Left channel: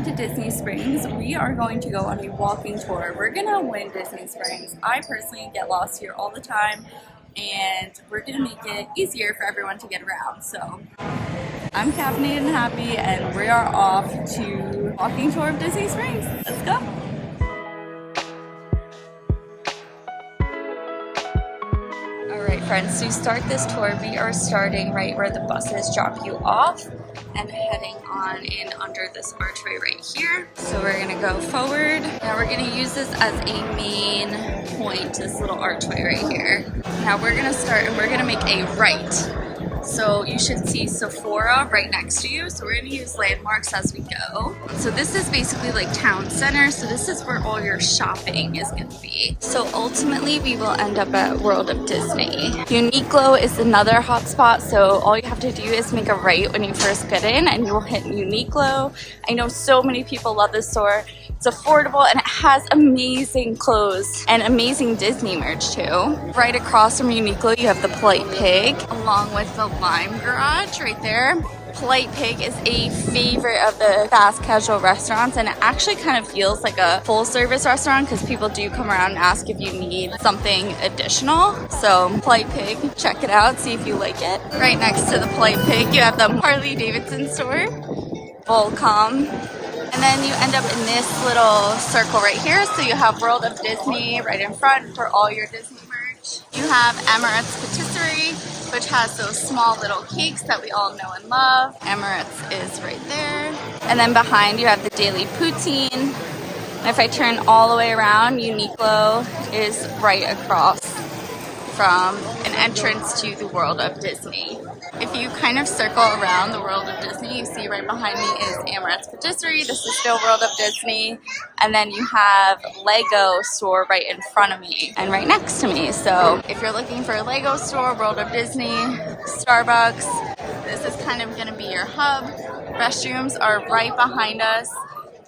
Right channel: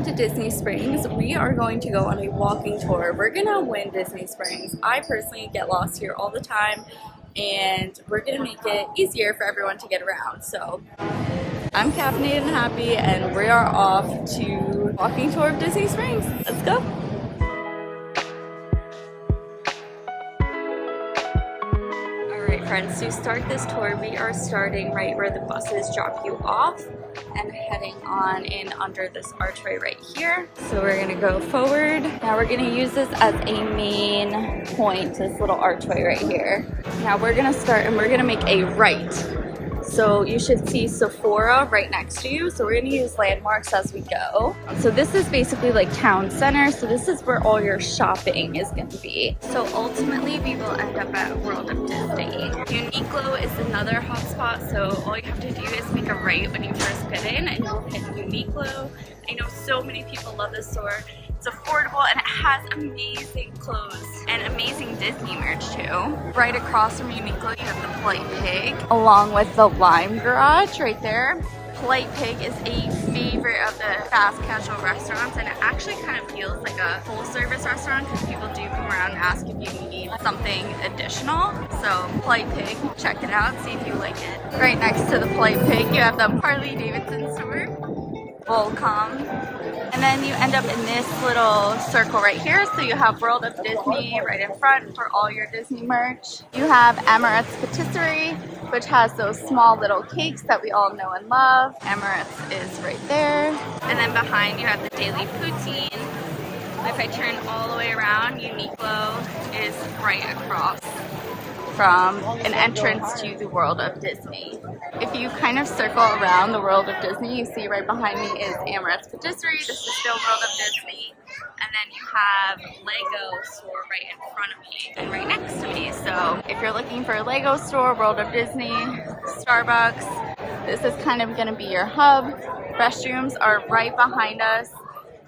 welcome to Disney Springs. We are going to go on a walking tour. We're gonna win Disney Springs. I personally get lost here all the time, and we're gonna make it easier for everyone to get around. So I'm caffeinated and happy, and we are off to walking tour of Disney Springs. Let's go. Alright friends, to start this tour, we are starting right where the buses drop you off and heading on in under this archway right here. So we're gonna go forward. Now we're gonna use this as a main point, this little archway right here. Now we're gonna start and we're gonna make a right. So you should see Sephora right next to you. So we're gonna use landmarks as we go. So this is basically like town center. So this is where all your shopping is gonna be. So ultimately we will end up at World of Disney. Uniqlo is another hotspot. So all you have to do is make a right when you first get in and you will hit Uniqlo. I know so many people love this store. It's affordable and it has amazing clothes and amazing Disney merch too. Right across from Uniqlo, you have the Polite Pig along with the Lime Garage right there. Polite Pig is a favorite of the fast casual restaurants, and it actually kind of feels like a full service restaurant because people do come around and ask if you need something additional. So Polite Pig, check it out, see if you like it. Right next to the Polite Pig, you have the Harley Davidson store, Volcom. And then you end up in this little circle right here. So you have World of Disney right in front for all your Disney merch. You have Emirates Patisserie, which has those small little cakes that we all know and love. Emirates is right there. And then behind you have the Daily Poutine. And if I turn all the way around, Uniqlo is right across from an entrance to the World of Disney. If you kind of circle around the World of Disney, you see right behind me is Emirates Patisserie. This is still World of Disney. And then you have Lego store right in front of me and right next to me. So if you're looking for a Lego store, World of Disney, Starbucks, this is kind of gonna be your hub. Restrooms are right behind us,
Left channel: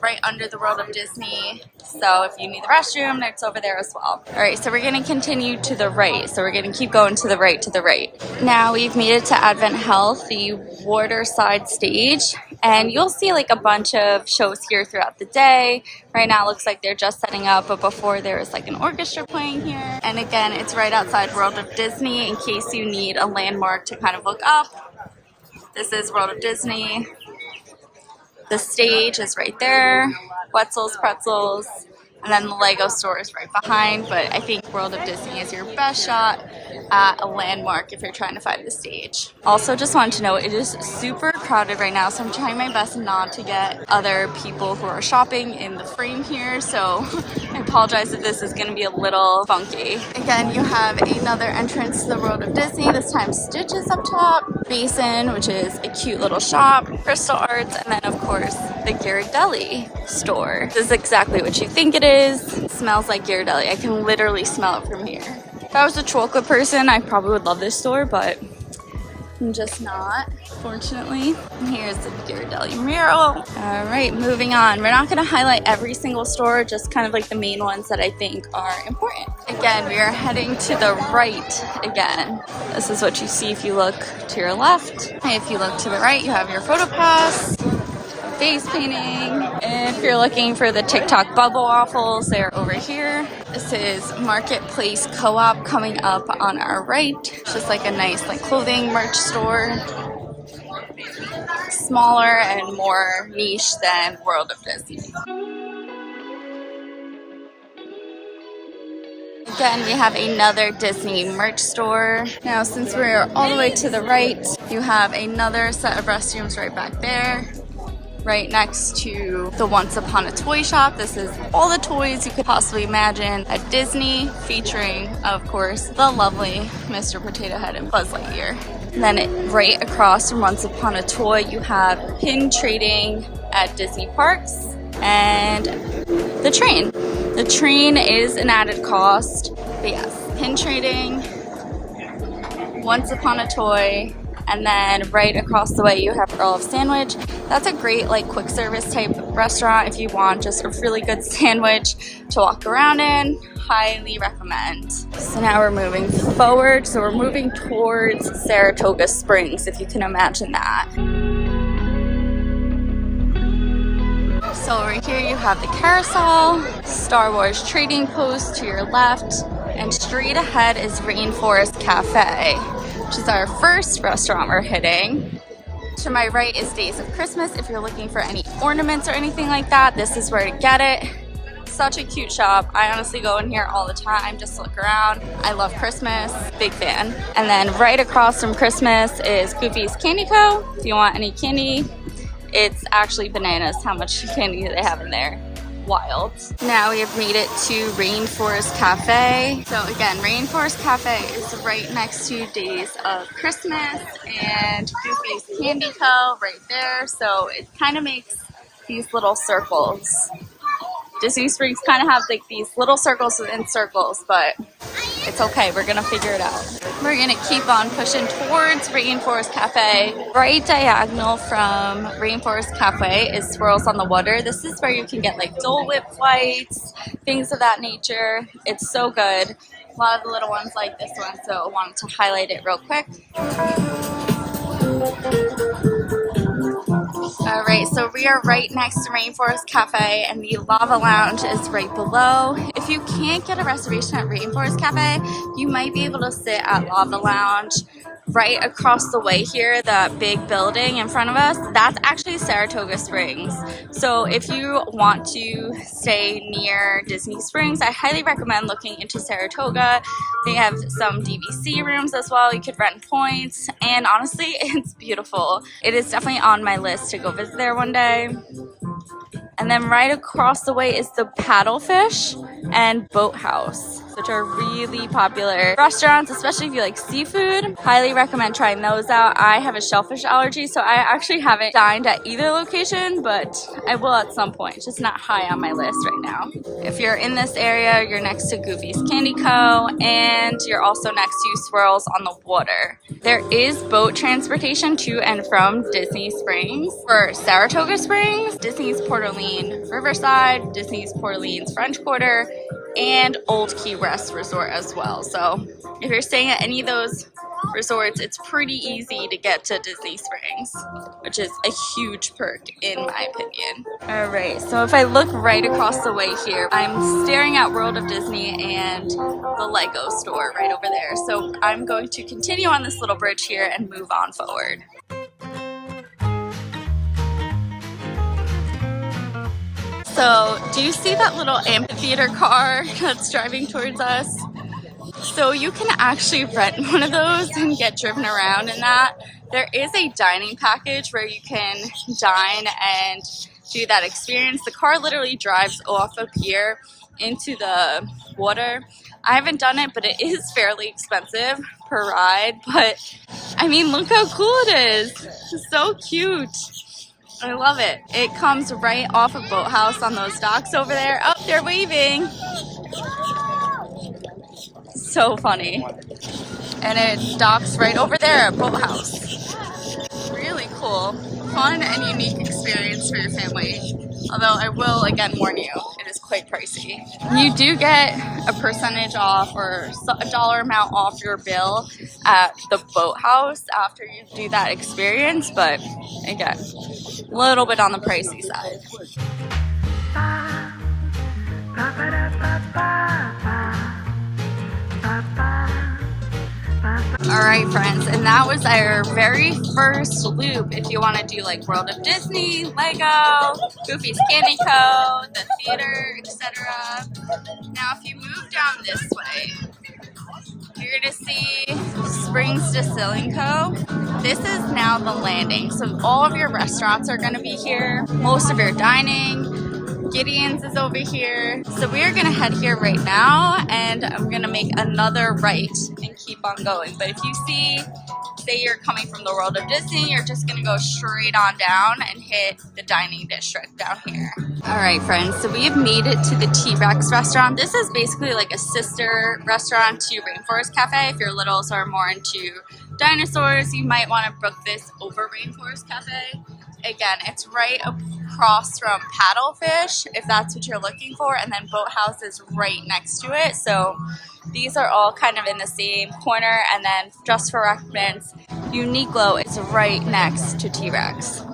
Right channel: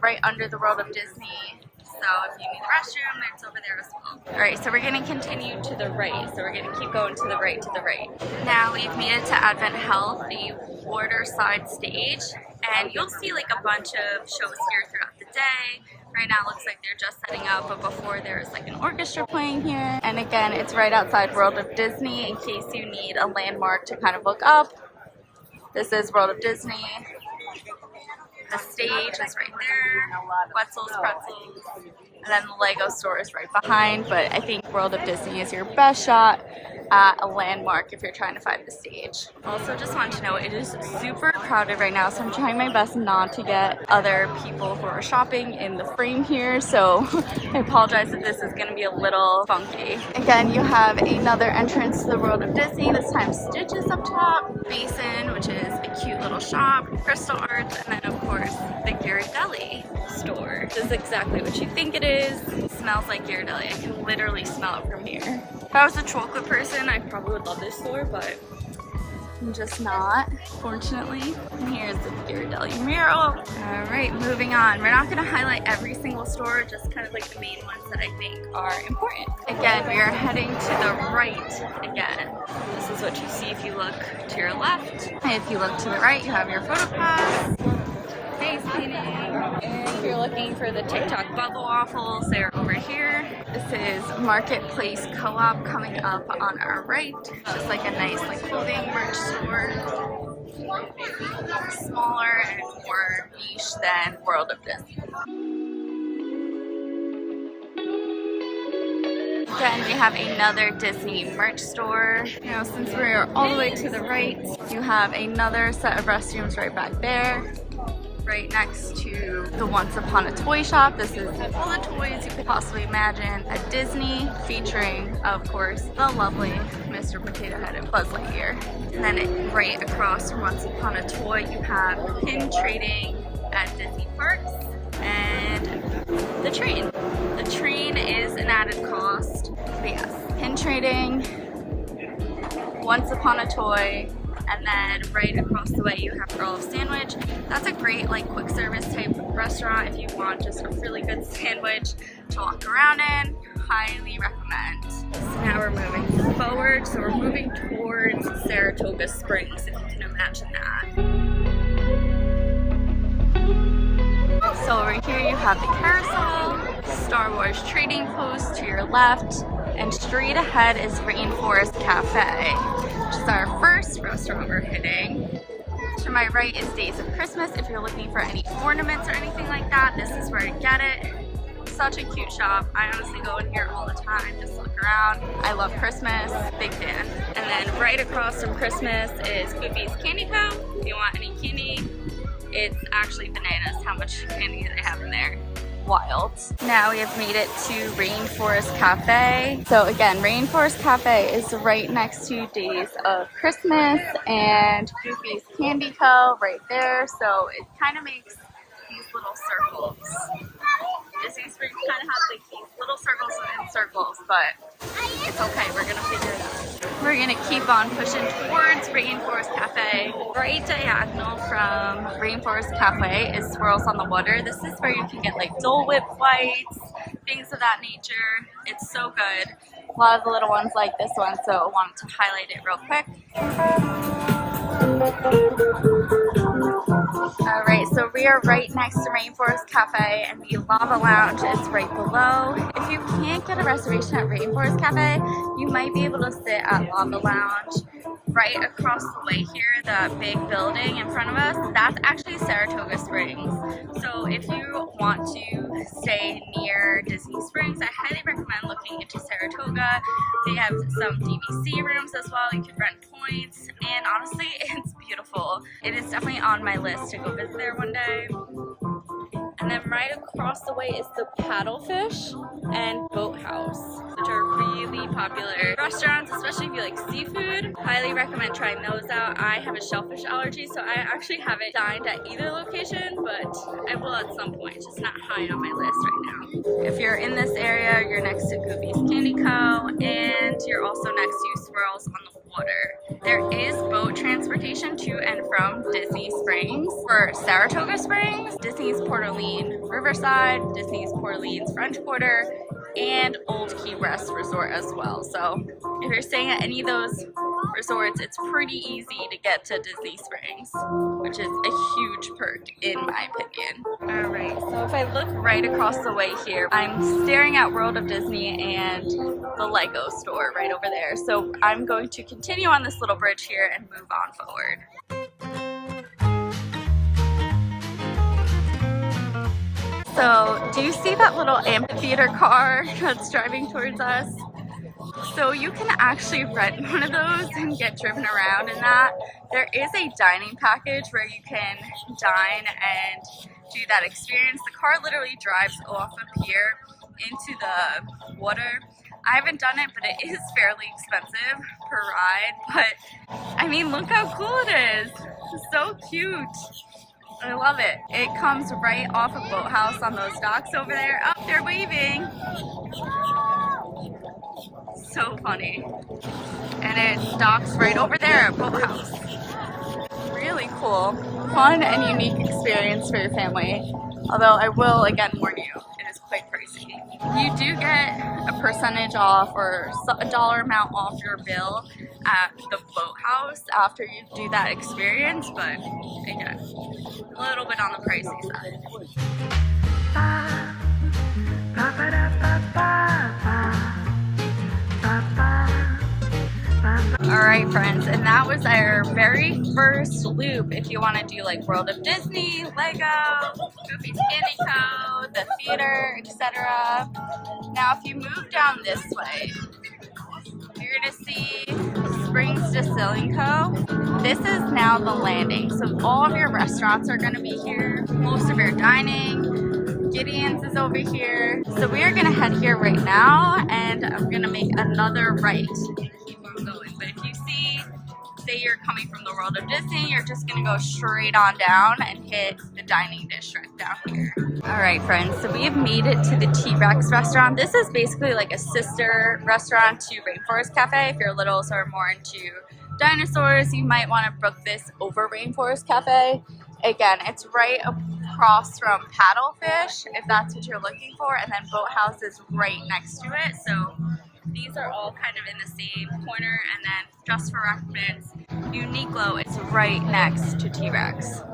right under the World of Disney. So if you need the restroom, it's over there as well. All right, so we're gonna continue to the right. So we're gonna keep going to the right, to the right. Now we've made it to Advent Health, the waterside stage. And you'll see like a bunch of shows here throughout the day. Right now it looks like they're just setting up, but before there was like an orchestra playing here. And again, it's right outside World of Disney in case you need a landmark to kind of look up. This is World of Disney. The stage is right there, Wetzel's Pretzels, and then the Lego store is right behind, but I think World of Disney is your best shot at a landmark if you're trying to find the stage. Also, just wanted to know, it is super crowded right now, so I'm trying my best not to get other people who are shopping in the frame here, so I apologize if this is going to be a little funky. Again, you have another entrance to the World of Disney, this time Stitch is up top, Basin, which is a cute little shop, Crystal Arts, and then of course the Ghirardelli store. This is exactly what you think it is. It smells like Ghirardelli. I can literally smell it from here. If I was a chocolate person, I probably would love this store, but I'm just not, fortunately. And here's the Ghirardelli mural. All right, moving on. We're not gonna highlight every single store, just kind of like the main ones that I think are important. Again, we are heading to the right again. This is what you see if you look to your left. If you look to the right, you have your photo pass, face painting, and if you're looking for the TikTok bubble waffles, they're over here. This is Marketplace Co-op coming up on our right. It's just like a nice like clothing merch store. Smaller and more niche than World of Disney. Again, we have another Disney merch store. Now, since we're all the way to the right, you have another set of restrooms right back there. Right next to the Once Upon a Toy shop. This is all the toys you could possibly imagine at Disney, featuring, of course, the lovely Mr. Potato Head and Buzz Lightyear. And then right across from Once Upon a Toy, you have pin trading at Disney parks and the train. The train is an added cost, but yes, pin trading, Once Upon a Toy, and then right across the way you have Earl of Sandwich. That's a great like quick service type restaurant if you want just a really good sandwich to walk around in. Highly recommend. So now we're moving forward. So we're moving towards Saratoga Springs, if you can imagine that. So over here you have the carousel, Star Wars trading post to your left, and straight ahead is Rainforest Cafe, which is our first restaurant we're hitting. To my right is Days of Christmas. If you're looking for any ornaments or anything like that, this is where to get it. Such a cute shop. I honestly go in here all the time, just look around. I love Christmas, big fan. And then right across from Christmas is Goofy's Candy Co. If you want any candy, it's actually bananas how much candy they have in there. Wild. Now we have made it to Rainforest Cafe. So again, Rainforest Cafe is right next to Days of Christmas and Goofy's Candy Co. right there. So it kind of makes these little circles. Disney Springs kind of have like these little circles within circles, but it's okay, we're gonna figure it out. We're gonna keep on pushing towards Rainforest Cafe. Right diagonal from Rainforest Cafe is Swirls on the Water. This is where you can get like Dole Whip flights, things of that nature. It's so good. A lot of the little ones like this one, so I wanted to highlight it real quick. Alright, so we are right next to Rainforest Cafe and the Lava Lounge is right below. If you can't get a reservation at Rainforest Cafe, you might be able to sit at Lava Lounge. Right across the way here, the big building in front of us, that's actually Saratoga Springs. So if you want to stay near Disney Springs, I highly recommend looking into Saratoga. They have some DVC rooms as well. You could rent points, and honestly, it's beautiful. It is definitely on my list to go visit there one day. And then right across the way is the Paddlefish and Boathouse, which are really popular restaurants, especially if you like seafood. Highly recommend trying those out. I have a shellfish allergy, so I actually haven't dined at either location, but I will at some point. It's just not high on my list right now. If you're in this area, you're next to Goofy's Candy Co. and you're also next to Swirls on the Water. There is boat transportation to and from Disney Springs. For Saratoga Springs, Disney's Port Orleans Riverside, Disney's Port Orleans French Quarter, and Old Key West Resort as well. So if you're staying at any of those resorts, it's pretty easy to get to Disney Springs, which is a huge perk in my opinion. Alright, so if I look right across the way here, I'm staring at World of Disney and the Lego store right over there. So I'm going to continue on this little bridge here and move on forward. So, do you see that little amphitheater car that's driving towards us? So you can actually rent one of those and get driven around in that. There is a dining package where you can dine and do that experience. The car literally drives off of here into the water. I haven't done it, but it is fairly expensive per ride. But I mean, look how cool it is. It's so cute. I love it. It comes right off of Boathouse on those docks over there. Oh, they're waving. So funny. And it docks right over there at Boathouse. Really cool. Fun and unique experience for your family. Although I will again warn you, it is quite pricey. You do get a percentage off or a dollar amount off your bill at the Boathouse after you do that experience, but again, a little bit on the pricey side. Alright friends, and that was our very first loop if you want to do like World of Disney, Lego, Goofy's Candy Co., the theater, etc. Now if you move down this way, you're going to see Springs Distilling Co. This is now the landing, so all of your restaurants are going to be here, most of your dining. Gideon's is over here. So we are going to head here right now, and I'm going to make another right and keep on going. But if you see, say you're coming from the World of Disney, you're just going to go straight on down and hit the dining district down here. Alright friends, so we have made it to the T-Rex restaurant. This is basically like a sister restaurant to Rainforest Cafe. If your littles are more into dinosaurs, you might want to book this over Rainforest Cafe. Again, it's right across from Paddlefish, if that's what you're looking for, and then Boathouse is right next to it. So these are all kind of in the same corner, and then just for reference, Uniqlo is right next to T-Rex.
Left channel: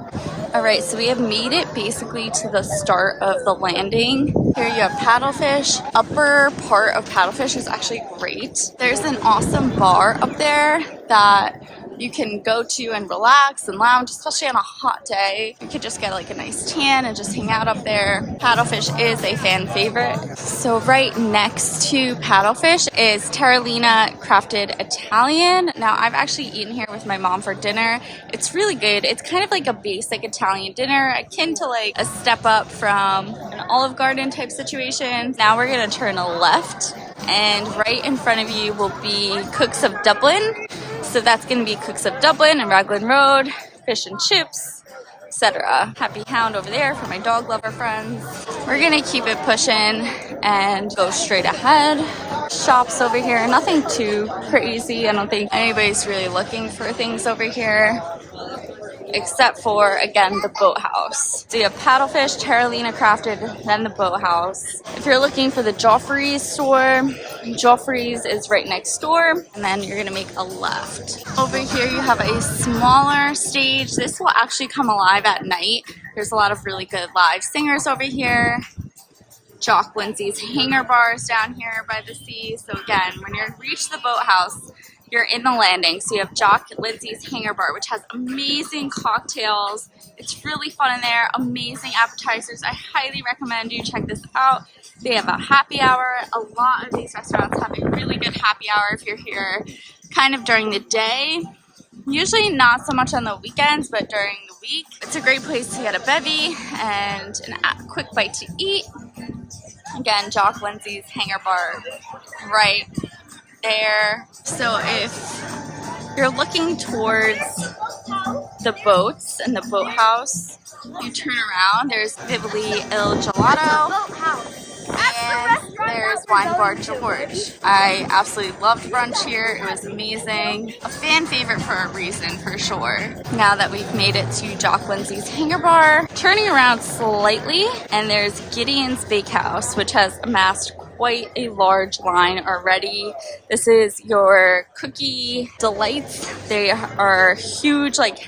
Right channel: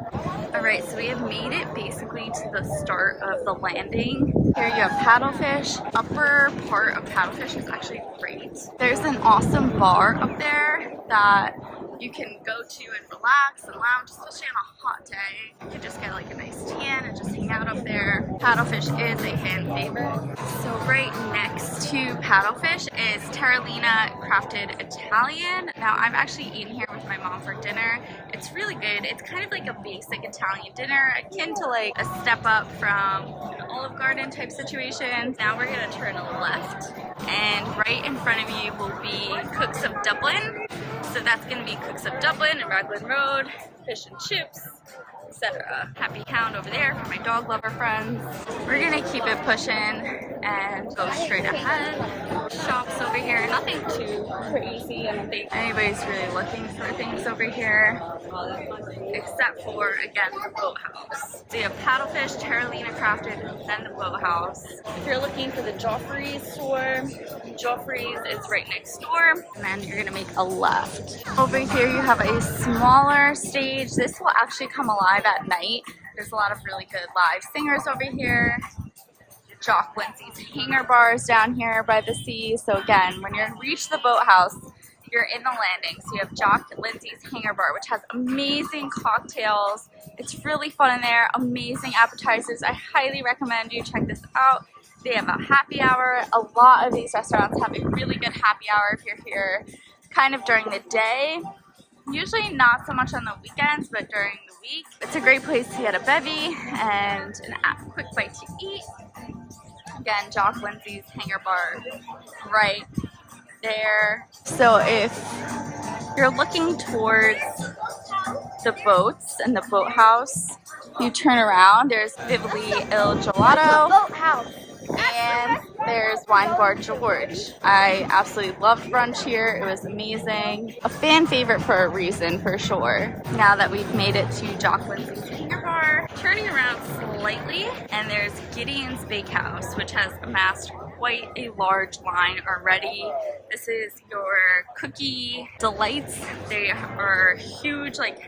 All right, so we have made it basically to the start of the landing. Here you have paddlefish. Upper part of paddlefish is actually great. There's an awesome bar up there that you can go to and relax and lounge, especially on a hot day. You could just get like a nice tan and just hang out up there. Paddlefish is a fan favorite. So right next to paddlefish is Terralina Crafted Italian. Now I've actually eaten here with my mom for dinner. It's really good. It's kind of like a basic Italian dinner, akin to like a step up from an Olive Garden type situation. Now we're gonna turn a left, and right in front of you will be Cooks of Dublin. So that's going to be Cooks of Dublin and Raglan Road, fish and chips, etc. Happy Hound over there for my dog lover friends. We're going to keep it pushing and go straight ahead. Shops over here, nothing too crazy. I don't think anybody's really looking for things over here, except for, again, the boathouse. So you have paddlefish, Terralina Crafted, then the boathouse. If you're looking for the Joffrey's store, Joffrey's is right next door, and then you're gonna make a left. Over here you have a smaller stage. This will actually come alive at night. There's a lot of really good live singers over here. Jock Lindsay's Hangar Bars down here by the sea. So again, when you reach the boathouse, you're in the landing. So you have Jock Lindsay's Hangar Bar, which has amazing cocktails. It's really fun in there, amazing appetizers. I highly recommend you check this out. They have a happy hour. A lot of these restaurants have a really good happy hour if you're here kind of during the day. Usually not so much on the weekends, but during the week. It's a great place to get a bevy and a quick bite to eat. Again, Jock Lindsay's Hangar Bar right there. So if you're looking towards the boats and the boathouse, you turn around, there's Vivoli Il Gelato and there's Wine Bar George. I absolutely loved brunch here. It was amazing. A fan favorite for a reason, for sure. Now that we've made it to Jock Lindsay's Hangar Bar, turning around slightly, and there's Gideon's Bakehouse, which has amassed quite a large line already. This is your cookie delights. They are huge, like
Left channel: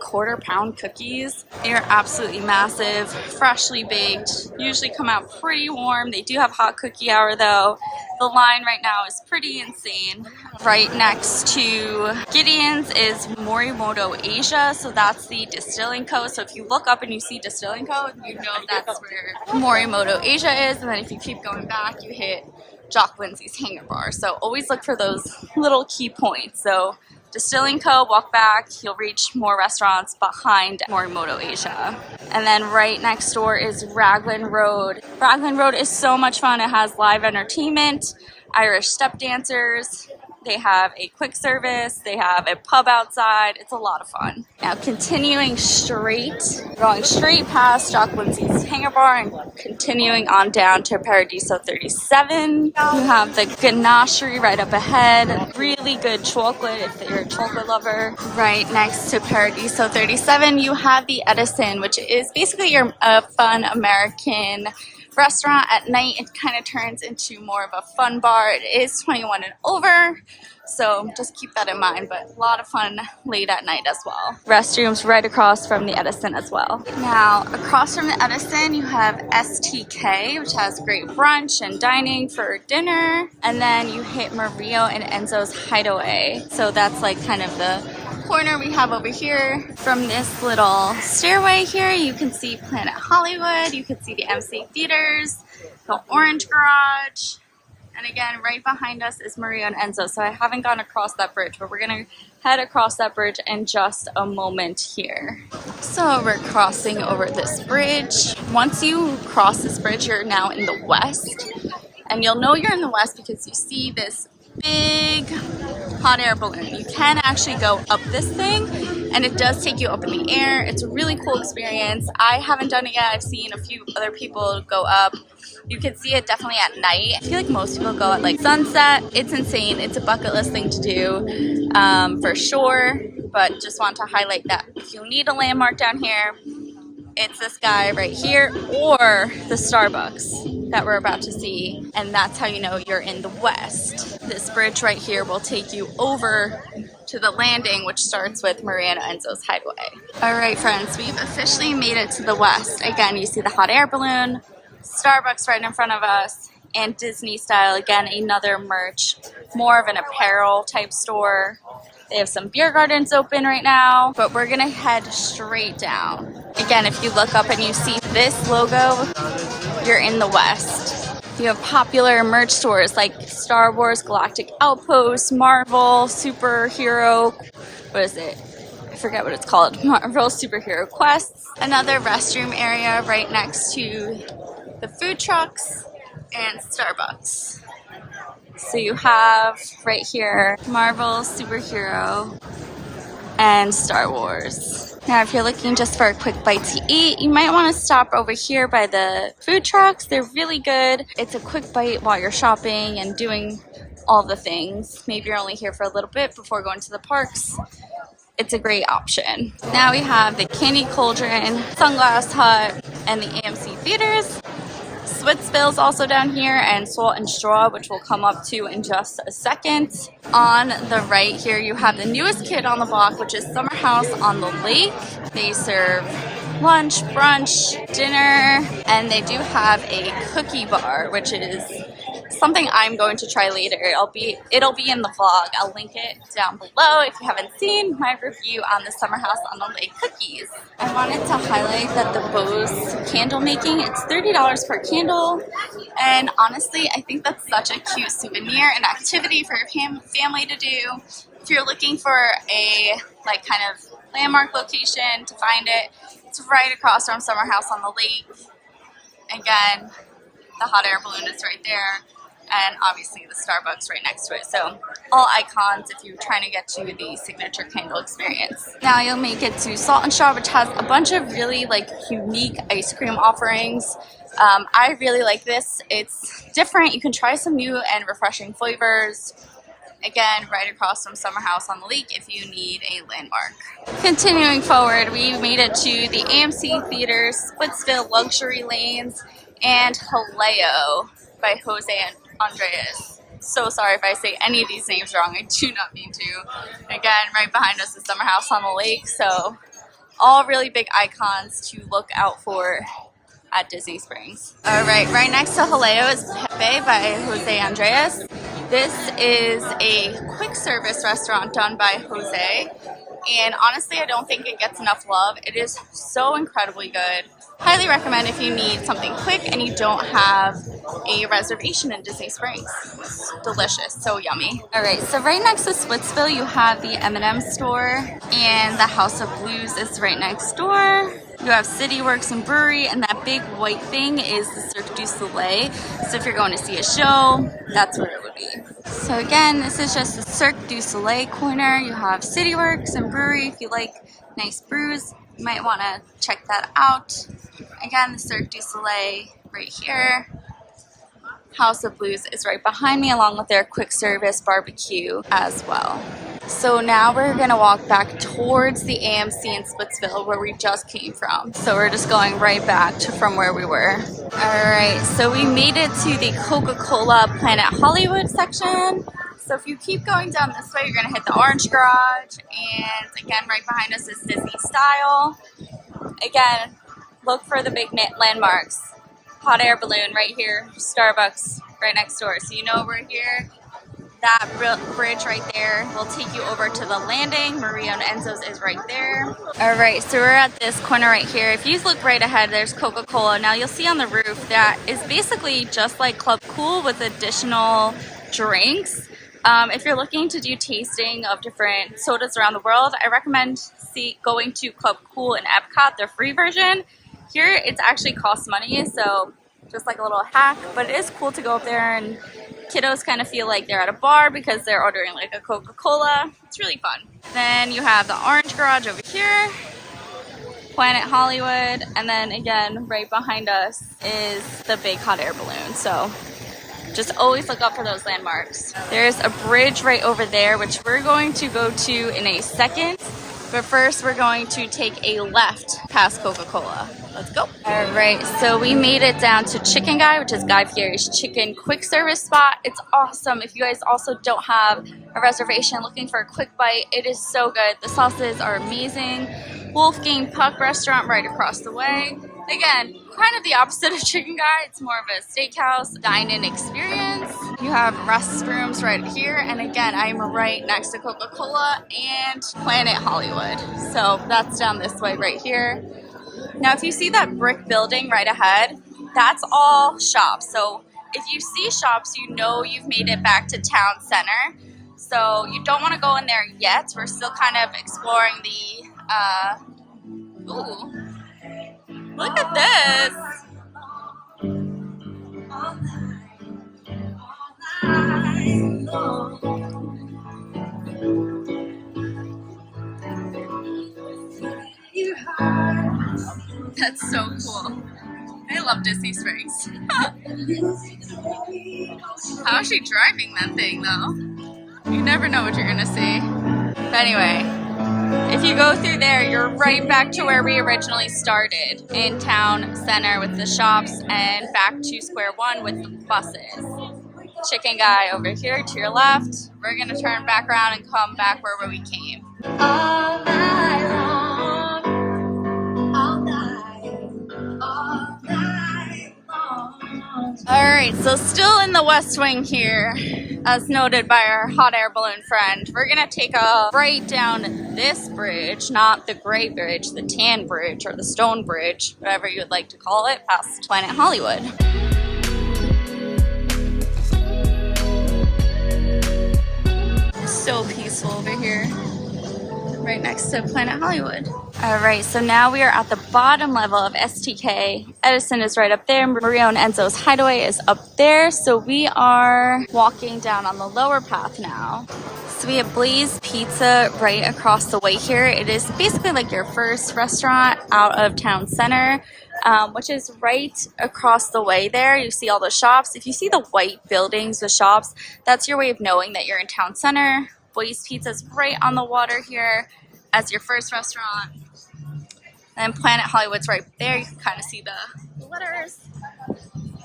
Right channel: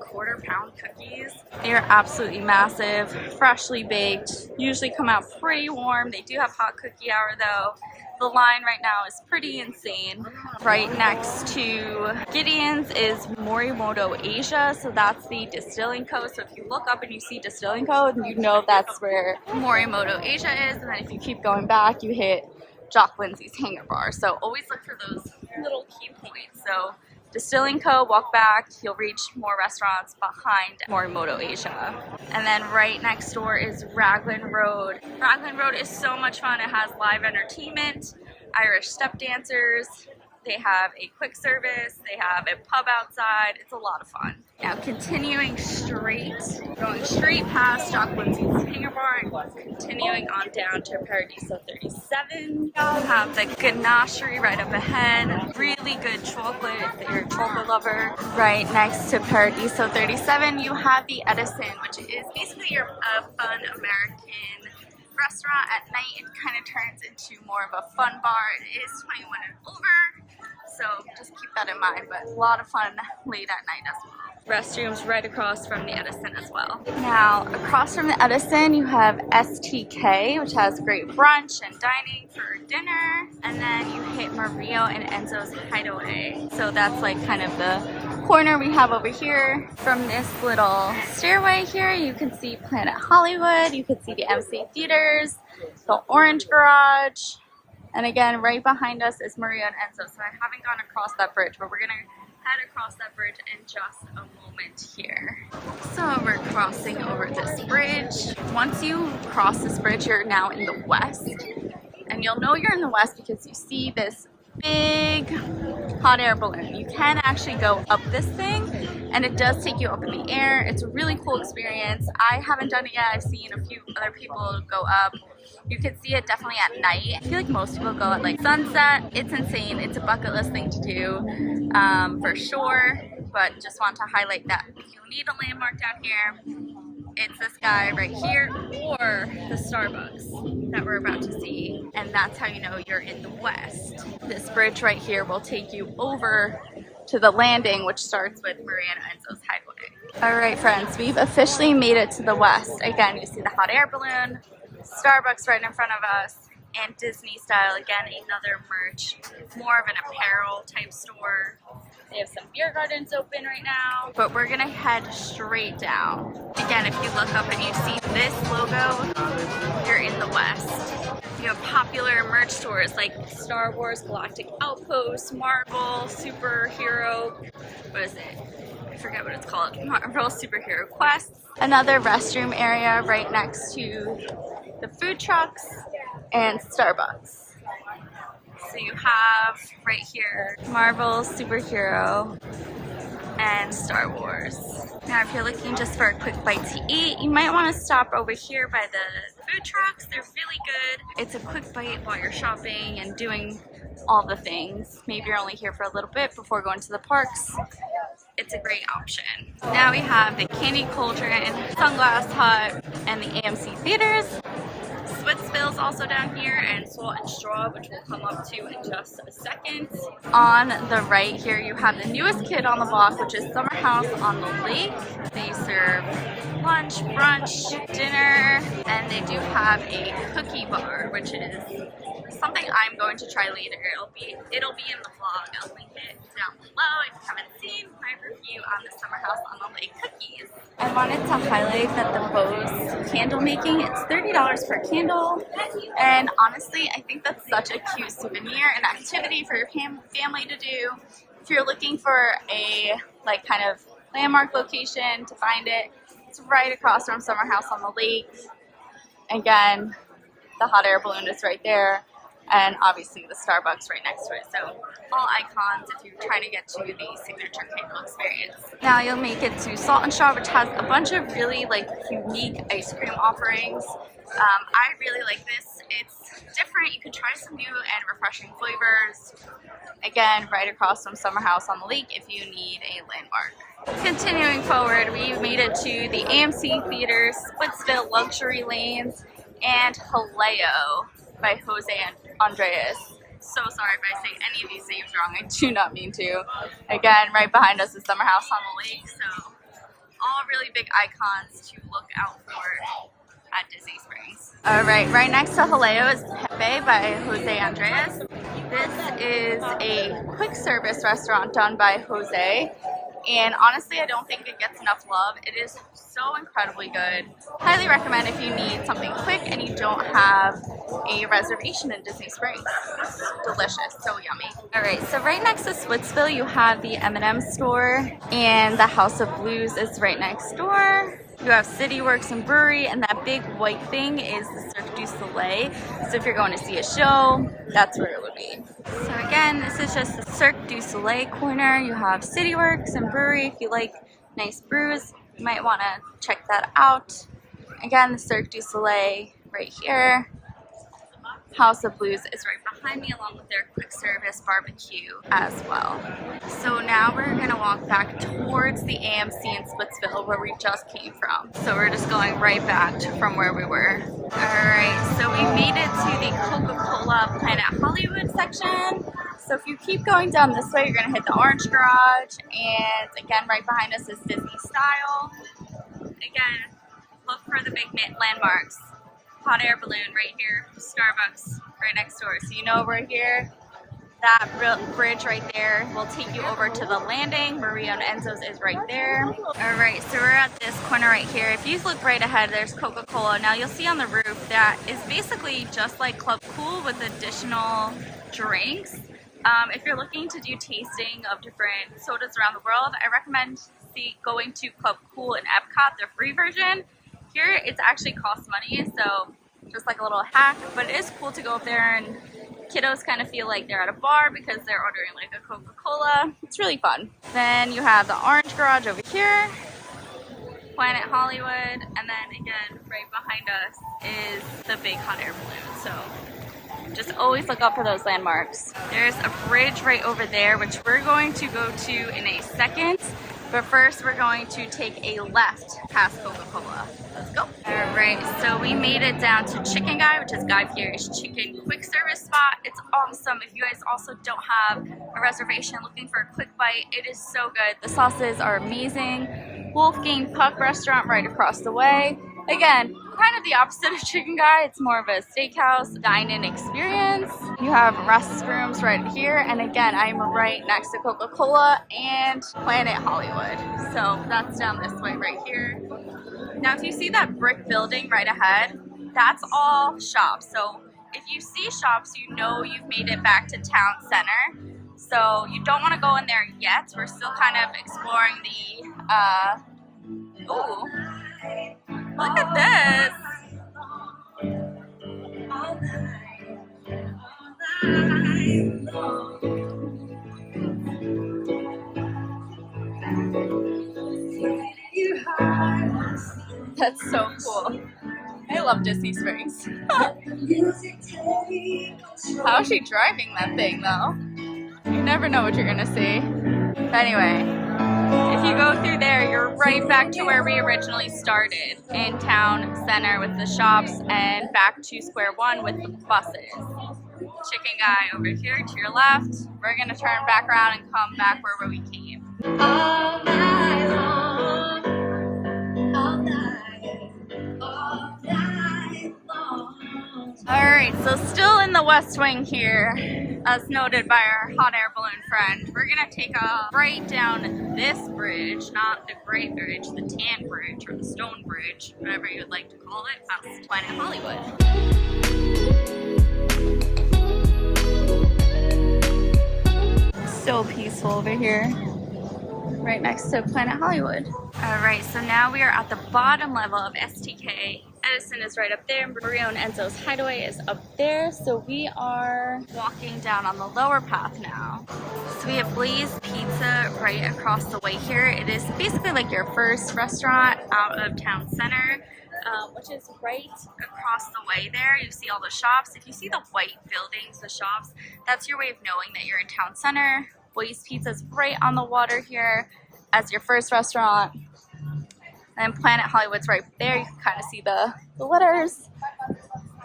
quarter-pound cookies. They are absolutely massive, freshly baked, usually come out pretty warm. They do have hot cookie hour though. The line right now is pretty insane. Right next to Gideon's is Morimoto Asia, so that's the Distilling Co. So if you look up and you see Distilling Co., you know that's where Morimoto Asia is, and then if you keep going back, you hit Jock Lindsay's Hangar Bar. So always look for those little key points. So Distilling Co., walk back, you'll reach more restaurants behind Morimoto Asia. And then right next door is Raglan Road. Raglan Road is so much fun. It has live entertainment, Irish step dancers. They have a quick service. They have a pub outside. It's a lot of fun. Now continuing straight, going straight past Jock Lindsay's Hangar Bar and continuing on down to Paradiso 37. You have the Ganachery right up ahead. Really good chocolate if you're a chocolate lover. Right next to Paradiso 37, you have the Edison, which is basically your fun American restaurant. At night it kind of turns into more of a fun bar. It is 21 and over, so just keep that in mind, but a lot of fun late at night as well. Restrooms right across from the Edison as well. Now across from the Edison you have STK, which has great brunch and dining for dinner, and then you hit Mario and Enzo's Hideaway. So that's like kind of the corner we have over here. From this little stairway here, you can see Planet Hollywood, you can see the MC Theaters, the Orange Garage, and again, right behind us is Maria and Enzo. So I haven't gone across that bridge, but we're gonna head across that bridge in just a moment here. So we're crossing over this bridge. Once you cross this bridge, you're now in the west, and you'll know you're in the west because you see this big hot air balloon. You can actually go up this thing, and it does take you up in the air. It's a really cool experience. I haven't done it yet. I've seen a few other people go up. You can see it definitely at night. I feel like most people go at like sunset. It's insane. It's a bucket list thing to do for sure, but just want to highlight that if you need a landmark down here, it's this guy right here or the Starbucks that we're about to see, and that's how you know you're in the west. This bridge right here will take you over to the landing, which starts with Maria and Enzo's Hideaway. All right, friends, we've officially made it to the west. Again, you see the hot air balloon, Starbucks right in front of us, and Disney style, again, another merch, more of an apparel type store. They have some beer gardens open right now, but we're gonna head straight down. Again, if you look up and you see this logo, you're in the west. You have popular merch stores like Star Wars, Galactic Outpost, Marvel, Superhero, what is it? I forget what it's called. Marvel Superhero Quests. Another restroom area right next to the food trucks and Starbucks. So you have right here Marvel, Superhero, and Star Wars. Now, if you're looking just for a quick bite to eat, you might want to stop over here by the food trucks. They're really good. It's a quick bite while you're shopping and doing all the things. Maybe you're only here for a little bit before going to the parks. It's a great option. Now we have the Candy Cauldron, Sunglass Hut, and the AMC theaters. Splitsville's also down here, and Salt and Straw, which we'll come up to in just a second. On the right here, you have the newest kid on the block, which is Summerhouse on the lake. They serve lunch, brunch, dinner, and they do have a cookie bar, which is something I'm going to try later. It'll be in the vlog. I'll link it down below if you haven't seen my review on the Summerhouse on the Lake cookies. I wanted to highlight that the Bose candle making, it's $30 per candle, and honestly I think that's such a cute souvenir and activity for your family to do. If you're looking for a like kind of landmark location to find it, it's right across from Summerhouse on the Lake. Again, the hot air balloon is right there, and obviously the Starbucks right next to it. So all icons if you're trying to get to the signature candle experience. Now you'll make it to Salt and Straw, which has a bunch of really like unique ice cream offerings. I really like this. It's different. You can try some new and refreshing flavors. Again, right across from Summerhouse on the Lake if you need a landmark. Continuing forward, we made it to the AMC Theaters, Splitsville Luxury Lanes, and Jaleo by Jose and Andres. So sorry if I say any of these names wrong. I do not mean to. Again, right behind us is Summerhouse on the Lake. So all really big icons to look out for at Disney Springs. All right next to Jaleo is Pepe by Jose Andres. This is a quick service restaurant done by Jose. And honestly, I don't think it gets enough love. It is so incredibly good. Highly recommend if you need something quick and you don't have a reservation in Disney Springs. It's delicious, so yummy. All right, so right next to Splitsville, you have the M&M store, and the House of Blues is right next door. You have City Works and Brewery, and that big white thing is the Cirque du Soleil. So if you're going to see a show, that's where it would be. So again, this is just the Cirque du Soleil corner. You have City Works and Brewery. If you like nice brews, you might want to check that out. Again, the Cirque du Soleil right here. House of Blues is right behind me, along with their quick service barbecue as well. So now we're gonna walk back towards the AMC in Splitsville where we just came from. So we're just going right back to from where we were. All right, so we made it to the Coca-Cola Planet Hollywood section. So if you keep going down this way, you're gonna hit the Orange Garage, and again, right behind us is Disney Style. Again, look for the big landmarks. Hot air balloon right here, Starbucks right next door. So you know we're here. That bridge right there will take you over to the landing. Maria and Enzo's is right there. All right, so we're at this corner right here. If you look right ahead, there's Coca-Cola. Now you'll see on the roof that is basically just like Club Cool with additional drinks. If you're looking to do tasting of different sodas around the world, I recommend going to Club Cool in Epcot, their free version. Here, it's actually costs money, so just like a little hack, but it is cool to go up there, and kiddos kind of feel like they're at a bar because they're ordering like a Coca-Cola. It's really fun. Then you have the Orange Garage over here, Planet Hollywood, and then again, right behind us is the big hot air balloon. So just always look up for those landmarks. There's a bridge right over there, which we're going to go to in a second. But first, we're going to take a left past Coca-Cola. Let's go. All right, so we made it down to Chicken Guy, which is Guy Fieri's chicken quick service spot. It's awesome. If you guys also don't have a reservation looking for a quick bite, it is so good. The sauces are amazing. Wolfgang Puck restaurant right across the way. Again, kind of the opposite of Chicken Guy. It's more of a steakhouse dine-in experience. You have restrooms right here, and again, I'm right next to Coca-Cola and Planet Hollywood. So that's down this way right here. Now, if you see that brick building right ahead, that's all shops. So if you see shops, you know you've made it back to town center. So you don't want to go in there yet. We're still kind of exploring the, ooh, look at this. That's so cool. I love Disney Springs. How is she driving that thing though? You never know what you're gonna see. But anyway, if you go through there, you're right back to where we originally started, in town center with the shops and back to square one with the buses. Chicken Guy over here to your left. We're gonna turn back around and come back where we came. All night long, all night, all night long. All right, so still in the West Wing here, as noted by our hot air balloon friend. We're gonna take a right down this bridge, not the gray bridge, the tan bridge or the stone bridge, whatever you would like to call it, past Planet Hollywood. So peaceful over here, right next to Planet Hollywood. All right, so now we are at the bottom level of STK. Edison is right up there. Mario and Enzo's Hideaway is up there. So we are walking down on the lower path now. So we have Blaze Pizza right across the way here. It is basically like your first restaurant out of town center, which is right across the way there. You see all the shops. If you see the white buildings with shops, that's your way of knowing that you're in town center. Blaze Pizza is right on the water here as your first restaurant. And Planet Hollywood's right there. You can kind of see the letters.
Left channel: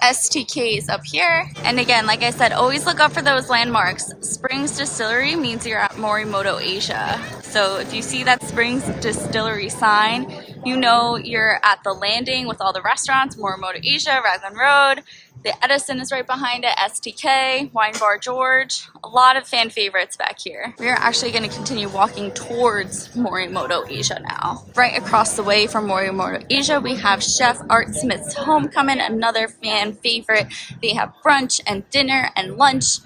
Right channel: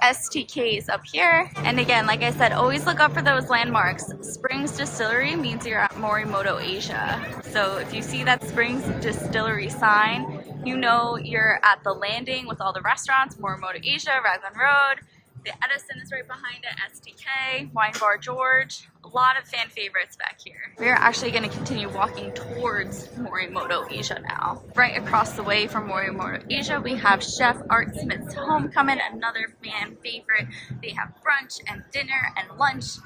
STK's up here. And again, like I said, always look up for those landmarks. Springs Distillery means you're at Morimoto Asia. So if you see that Springs Distillery sign, you know you're at the landing with all the restaurants, Morimoto Asia, Raglan Road. The Edison is right behind it, STK, Wine Bar George. A lot of fan favorites back here. We're actually going to continue walking towards Morimoto Asia now. Right across the way from Morimoto Asia, we have Chef Art Smith's Homecoming, another fan favorite. They have brunch and dinner and lunch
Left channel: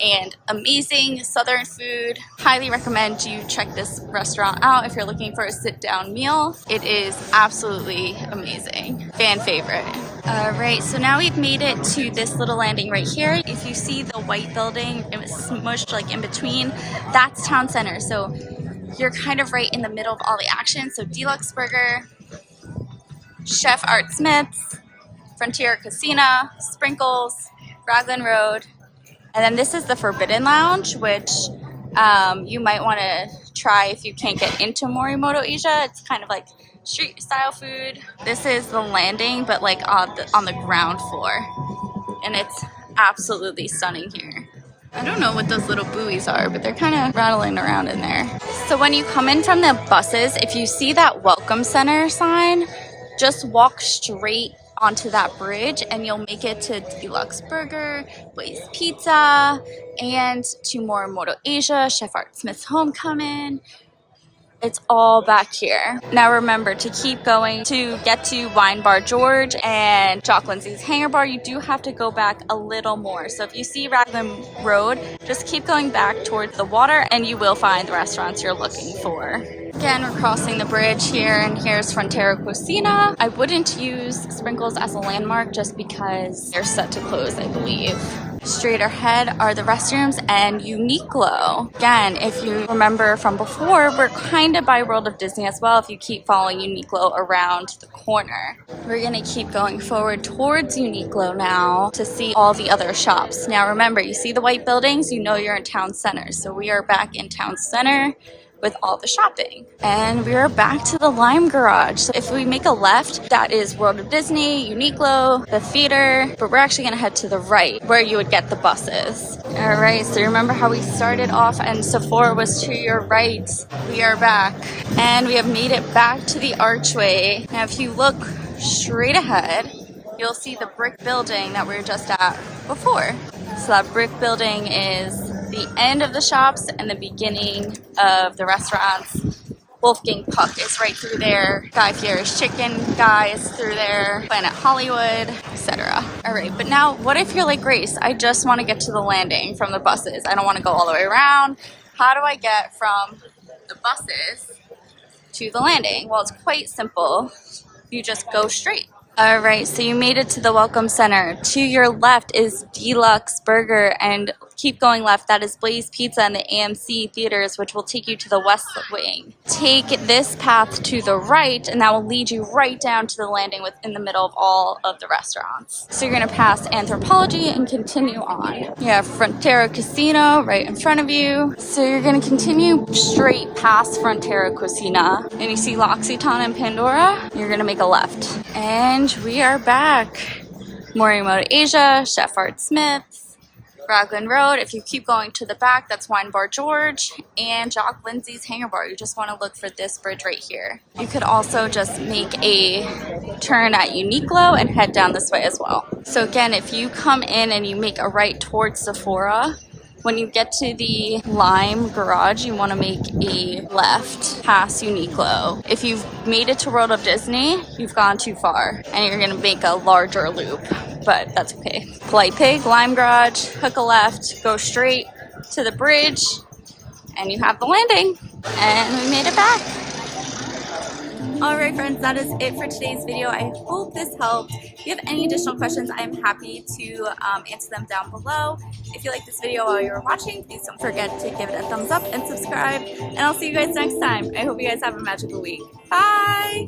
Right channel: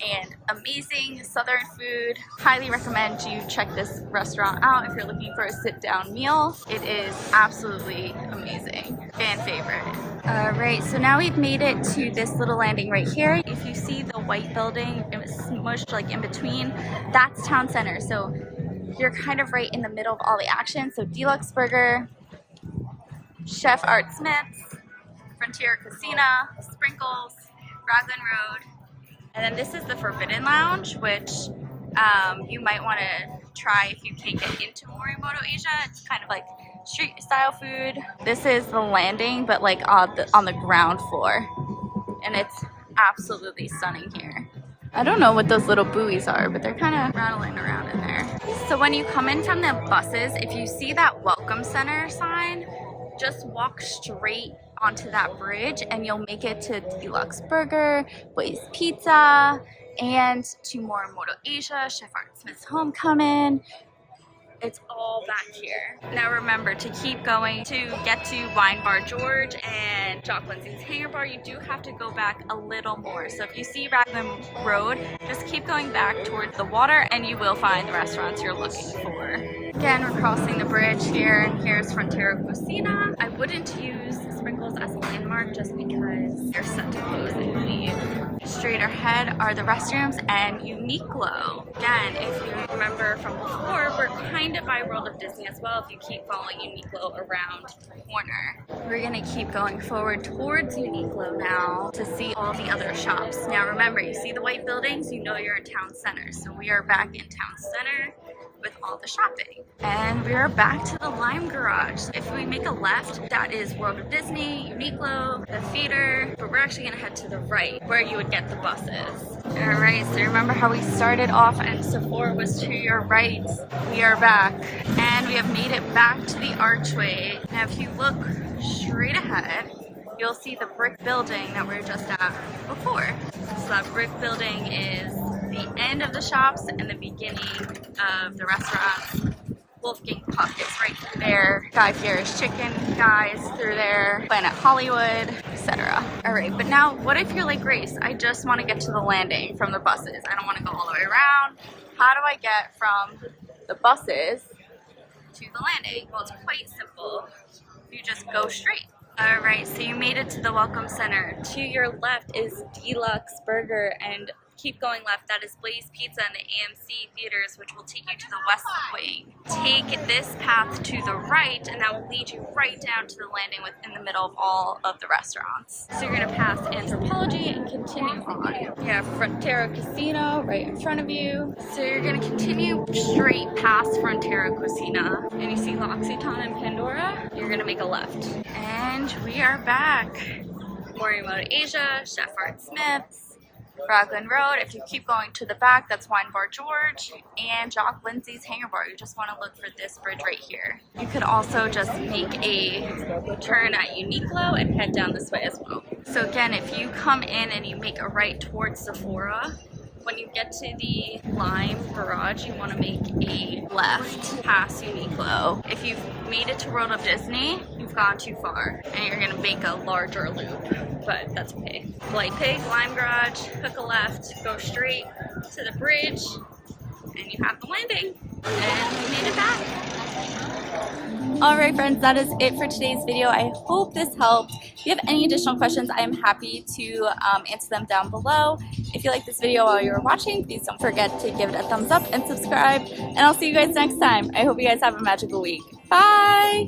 and amazing southern food. Highly recommend you check this restaurant out if you're looking for a sit-down meal. It is absolutely amazing. Fan favorite. All right, so now we've made it to this little landing right here. If you see the white building, it was smushed like in between, that's town center. So you're kind of right in the middle of all the action. So Deluxe Burger, Chef Art Smith's, Frontier Casino, Sprinkles, Raglan Road. And then this is the Forbidden Lounge, which you might want to try if you can't get into Morimoto Asia. It's kind of like street style food. This is the landing, but like on the ground floor. And it's absolutely stunning here. I don't know what those little buoys are, but they're kind of rattling around in there. So when you come in from the buses, if you see that Welcome Center sign, just walk straight onto that bridge and you'll make it to Deluxe Burger, Blaze Pizza, and to Morimoto Asia, Chef Art Smith's Homecoming. It's all back here. Now remember to keep going to get to Wine Bar George and Jock Lindsay's Hangar Bar. You do have to go back a little more. So if you see Raglan Road, just keep going back towards the water and you will find the restaurants you're looking for. Again, we're crossing the bridge here, and here's Frontera Cucina. I wouldn't use Sprinkles as a landmark just because they're set to close, I believe. Straight ahead are the restrooms and Uniqlo. Again, if you remember from before, we're kind of by World of Disney as well if you keep following Uniqlo around the corner. We're gonna keep going forward towards Uniqlo now to see all the other shops. Now remember, you see the white buildings, you know you're in town center. So we are back in town center. with all the shopping. And we are back to the Lime Garage. So if we make a left, that is World of Disney, Uniqlo, the theater, but we're actually gonna head to the right where you would get the buses. All right, so remember how we started off and Sephora was to your right? We are back and we have made it back to the archway. Now if you look straight ahead, you'll see the brick building that we were just at before. So that brick building is the end of the shops and the beginning of the restaurants. Wolfgang Puck is right through there. Guy Fieri's Chicken Guy is through there. Planet Hollywood, etc. All right, but now what if you're like Grace? I just want to get to the landing from the buses. I don't want to go all the way around. How do I get from the buses to the landing? Well, it's quite simple. You just go straight. All right, so you made it to the Welcome Center. To your left is Deluxe Burger, and keep going left. That is Blaze Pizza and the AMC theaters, which will take you to the West Wing. Take this path to the right, and that will lead you right down to the landing within the middle of all of the restaurants. So you're gonna pass Anthropologie and continue on. You have Frontera Casino right in front of you. So you're gonna continue straight past Frontera Cucina, and you see L'Occitane and Pandora. You're gonna make a left. And we are back. Morimoto Asia, Chef Art Smith's, Raglan Road. If you keep going to the back, that's Wine Bar George and Jock Lindsay's Hangar Bar. You just want to look for this bridge right here. You could also just make a turn at Uniqlo and head down this way as well. So again, if you come in and you make a right towards Sephora, when you get to the Lime Garage, you want to make a left past Uniqlo. If you've made it to World of Disney, you've gone too far and you're going to make a larger loop, but that's okay. Polite Pig, Lime Garage, hook a left, go straight to the bridge, and you have the landing. And we made it back. Alright friends, that is it for today's video. I hope this helped. If you have any additional questions, I am happy to answer them down below. If you like this video while you're watching, please don't forget to give it a thumbs up and subscribe. And I'll see you guys next time. I hope you guys have a magical week. Bye!